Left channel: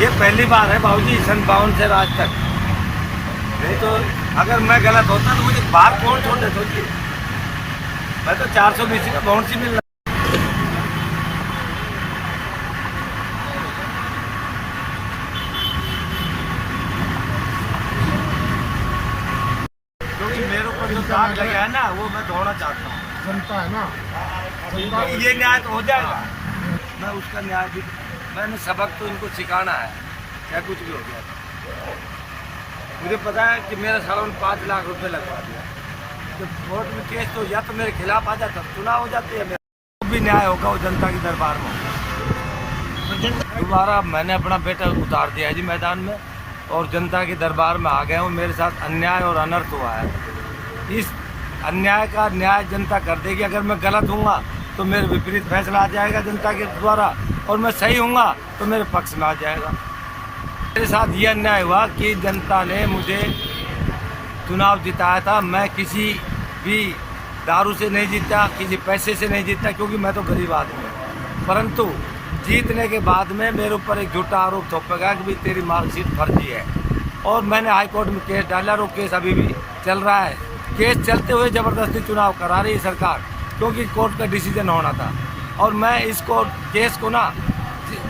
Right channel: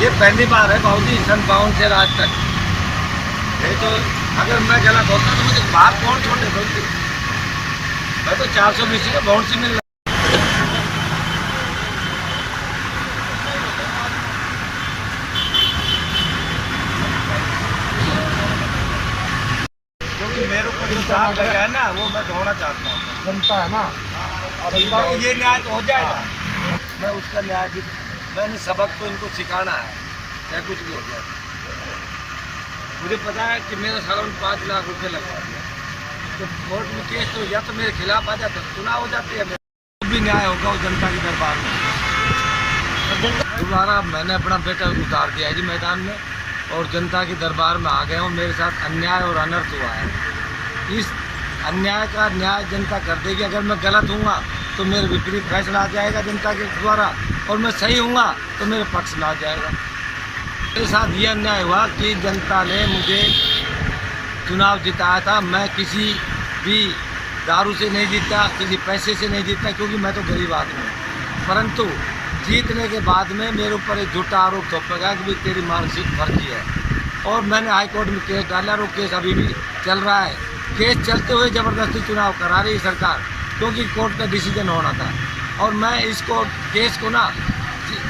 ये पहली बार है भाऊजी सन 52 से आज तक। नहीं तो अगर मैं गलत होता तो मुझे बाहर कौन छोड़ देता उसकी। मैं तो 420 में बाउंड्री मिल रहा। क्योंकि मेरे ऊपर जो दाग लगा है ना वो मैं धोना चाहता हूँ। जनता है ना, तो ये न्याय तो हो जाएगा। मैं उसका न्याय भी, मैंने सबक तो इनको सिखाना है, चाहे कुछ भी हो जाए। मुझे पता है कि मेरा सारा 5 लाख रुपए लगवा दिया, तो कोर्ट में केस तो या तो मेरे खिलाफ आ जाता, चुनाव हो जाती है, मेरा भी न्याय होगा वो जनता के दरबार में। दोबारा मैंने अपना बेटा उतार दिया है जी मैदान में, और जनता के दरबार में आ गए हूँ। मेरे साथ अन्याय और अनर्थ हुआ है। इस अन्याय का न्याय जनता कर देगी। अगर मैं गलत हूँगा तो मेरे विपरीत फैसला आ जाएगा जनता के द्वारा, और मैं सही हूँगा तो मेरे पक्ष में आ जाएगा। मेरे साथ ये अन्याय हुआ कि जनता ने मुझे चुनाव जिताया था। मैं किसी भी दारू से नहीं जीता, किसी पैसे से नहीं जीता, क्योंकि मैं तो गरीब आदमी हूँ। परंतु जीतने के बाद में मेरे ऊपर एक झूठा आरोप थोपेगा कि भी तेरी मार्कशीट फर्जी है, और मैंने हाई कोर्ट में केस डाला और वो केस अभी भी चल रहा है। केस चलते हुए ज़बरदस्ती चुनाव करा रही सरकार, क्योंकि कोर्ट का डिसीजन होना था। और मैं इसको केस को ना,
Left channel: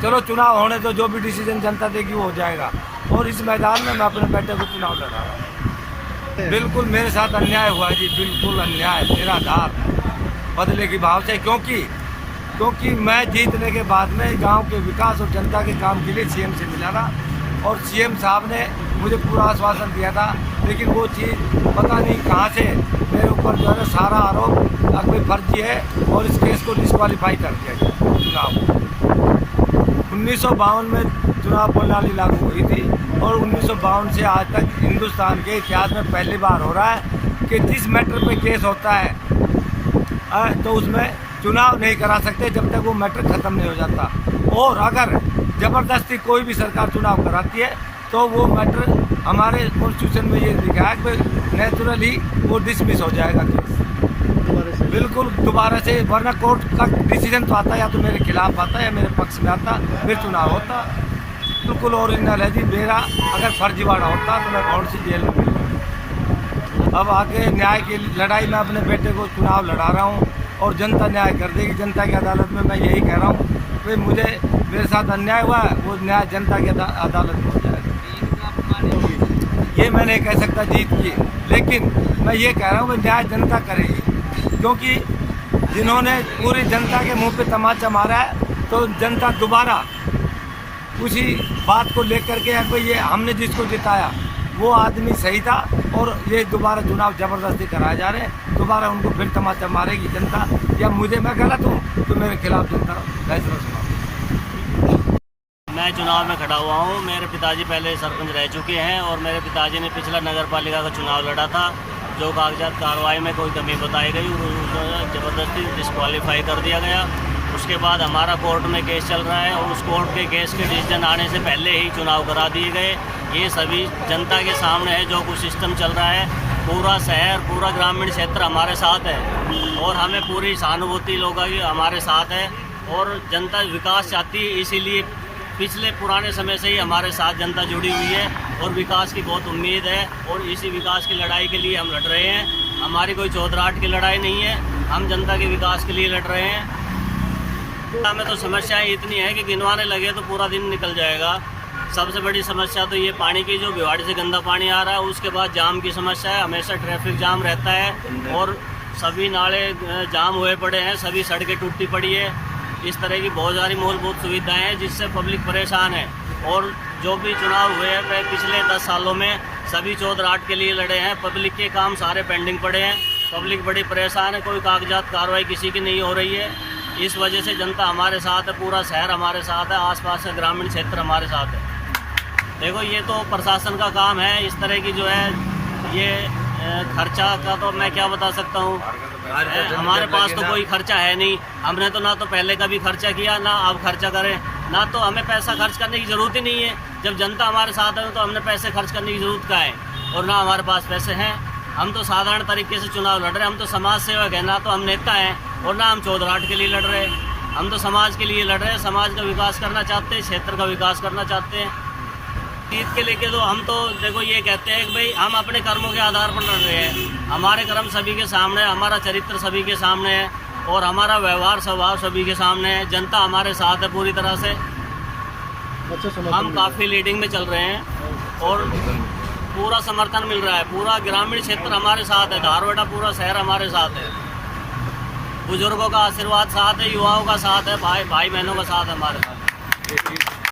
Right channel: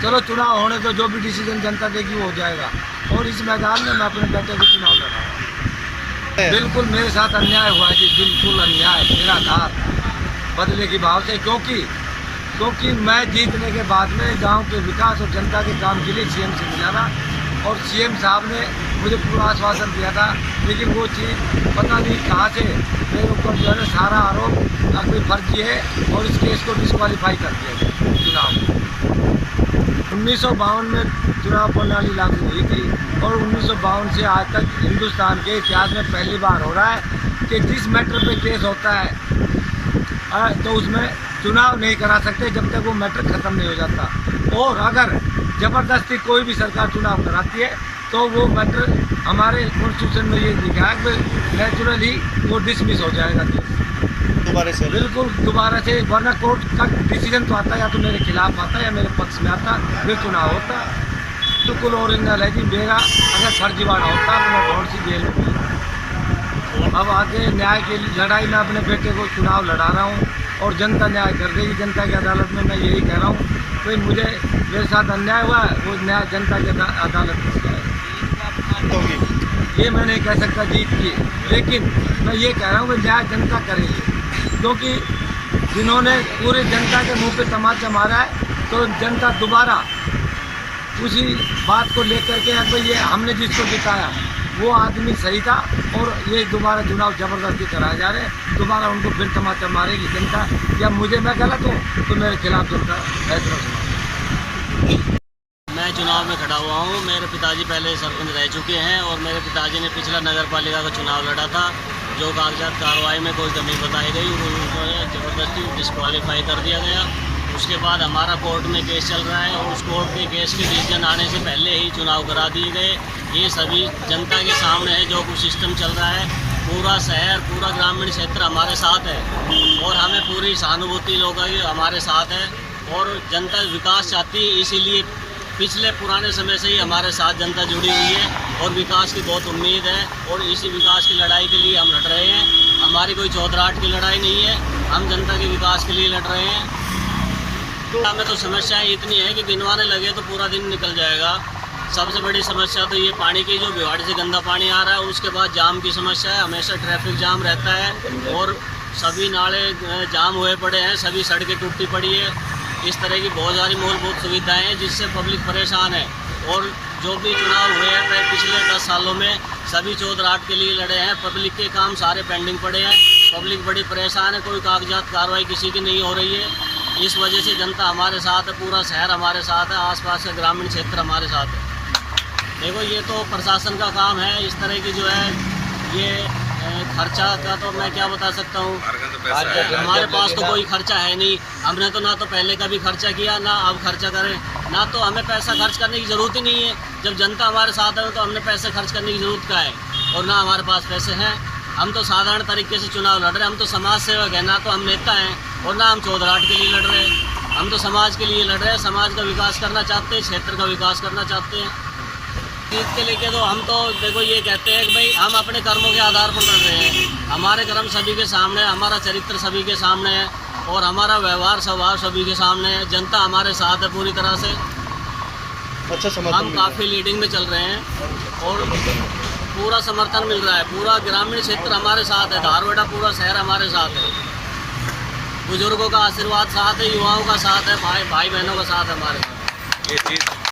चलो चुनाव होने तो जो भी डिसीजन जनता देगी वो हो जाएगा। और इस मैदान में मैं अपने बेटे को चुनाव लड़ा रहा हूँ। बिल्कुल मेरे साथ अन्याय हुआ है जी, बिल्कुल अन्याय, निराधार, बदले की भाव से। क्योंकि मैं जीतने के बाद में गांव के विकास और जनता के काम के लिए सीएम से मिला था, और सीएम साहब ने मुझे पूरा आश्वासन दिया था। लेकिन वो चीज़ पता नहीं कहाँ से मेरे ऊपर जो है ना सारा आरोप अब फर्जी है, और इस केस को डिस्क्वालीफाई कर दिया गया। चुनाव 1952 में चुनाव प्रणाली लागू हुई थी, और 1952 से आज तक हिंदुस्तान के इतिहास में पहली बार हो रहा है कि जिस मैटर पे केस होता है तो उसमें चुनाव नहीं करा सकते जब तक वो मैटर ख़त्म नहीं हो जाता। और अगर ज़बरदस्ती कोई भी सरकार चुनाव कराती है तो वो मैटर हमारे कॉन्स्टिट्यूशन में ये लिखा है कि नेचुरली वो डिसमिस हो जाएगा केस दोबारा से। बिल्कुल दोबारा से, वरना कोर्ट का डिसीजन तो आता है, या तो मेरे खिलाफ आता है या मेरे पक्ष में आता, फिर चुनाव होता। बिल्कुल ओरिजिनल है जी। मेरा अगर फर्जीवाड़ा होता तो मैं बहुत सी जेल में मिलता। अब आगे न्याय की लड़ाई में अपने बेटे को चुनाव लड़ा रहा हूँ, और जनता न्याय कर देगी। जनता की अदालत में मैं यही कह रहा हूँ, भाई मुझे मेरे साथ अन्याय हुआ है, वो न्याय जनता की अदालत में हो जाएगा। ये मैं नहीं कह सकता जीत की, लेकिन मैं ये कह रहा हूँ कि न्याय जनता करेगी। क्योंकि जिन्होंने पूरी जनता के मुंह पे तमाचा मारा है, तो जनता दोबारा उसी बात को लेकर के भाई ये हमने जिसको जिताया वो आदमी सही था, और ये दोबारा चुनाव ज़बरदस्ती कराए जा रहे हैं, दोबारा उनको फिर तमाचा मारेगी जनता। या मैं गलत हूँ तो मेरे खिलाफ जनता फैसला सुना। मैं चुनाव में खड़ा हुआ हूँ। मेरे पिताजी पहले सरपंच रह चुके हैं, और मेरे पिताजी ने पिछला नगर पालिका का चुनाव लड़ा था। जो कागजात कार्रवाई में कोई कमी बताई गई, उसको ज़बरदस्ती डिस्क्वालीफाई कर दिया गया। उसके बाद हमारा कोर्ट में केस चल रहा है, और उस कोर्ट के केस के डिसीजन आने से पहले ही चुनाव करा दिए गए। ये सभी जनता के सामने है जो कुछ सिस्टम चल रहा है। पूरा शहर, पूरा ग्रामीण क्षेत्र हमारे साथ है, और हमें पूरी सहानुभूति लोगों की हमारे साथ है। और जनता विकास चाहती है, इसीलिए पिछले पुराने समय से ही हमारे साथ जनता जुड़ी हुई है, और विकास की बहुत उम्मीद है। और इसी विकास की लड़ाई के लिए हम लड़ रहे हैं। हमारी कोई चौधराहट की लड़ाई नहीं है, हम जनता के विकास के लिए लड़ रहे हैं। तो हमें तो समस्याएं इतनी है कि गिनवाने लगे तो पूरा दिन निकल जाएगा। सबसे बड़ी समस्या तो ये पानी की, जो भिवाड़ी से गंदा पानी आ रहा है। उसके बाद जाम की समस्या है, हमेशा ट्रैफिक जाम रहता है, और सभी नाले जाम हुए पड़े हैं, सभी सड़कें टूटी पड़ी है। इस तरह की बहुत सारी मूलभूत सुविधाएं हैं जिससे पब्लिक परेशान है। और जो भी चुनाव हुए हैं पिछले 10 सालों में, सभी चौधराहट के लिए लड़े हैं। पब्लिक के काम सारे पेंडिंग पड़े हैं, पब्लिक बड़ी परेशान है, कोई कागजात कार्रवाई किसी की नहीं हो रही है। इस वजह से जनता हमारे साथ है, पूरा शहर हमारे साथ है, आसपास का ग्रामीण क्षेत्र हमारे साथ है। देखो ये तो प्रशासन का काम है। इस तरह की जो है ये खर्चा का तो मैं क्या बता सकता हूँ। हमारे पास तो कोई खर्चा है नहीं। हमने तो ना तो पहले का भी खर्चा किया, ना अब खर्चा करें, ना तो हमें पैसा खर्च करने की ज़रूरत ही नहीं है। जब जनता हमारे साथ है तो हमने पैसे खर्च करने की ज़रूरत क्या है, और ना हमारे पास पैसे हैं। हम तो साधारण तरीके से चुनाव लड़ रहे हैं, हम तो समाज सेवक हैं, ना तो हम नेता हैं और ना हम चौधराहट के लिए लड़ रहे हैं। हम तो समाज के लिए लड़ रहे हैं, समाज का विकास करना चाहते हैं, क्षेत्र का विकास करना चाहते हैं। जीत के लेके तो हम तो देखो ये कहते हैं कि भाई हम अपने कर्मों के आधार पर लड़ रहे हैं। हमारे कर्म सभी के सामने, हमारा चरित्र सभी के सामने है और हमारा व्यवहार स्वभाव सभी के सामने है। जनता हमारे साथ है पूरी तरह से। अच्छा समर्थन हम मिल रहा है। काफ़ी लीडिंग में चल रहे हैं और पूरा समर्थन मिल रहा है। पूरा ग्रामीण क्षेत्र हमारे साथ है, धारवाड़ा पूरा शहर हमारे साथ है। बुजुर्गों का आशीर्वाद साथ है, युवाओं का साथ है, भाई बहनों का साथ है हमारे साथ। ये चीज़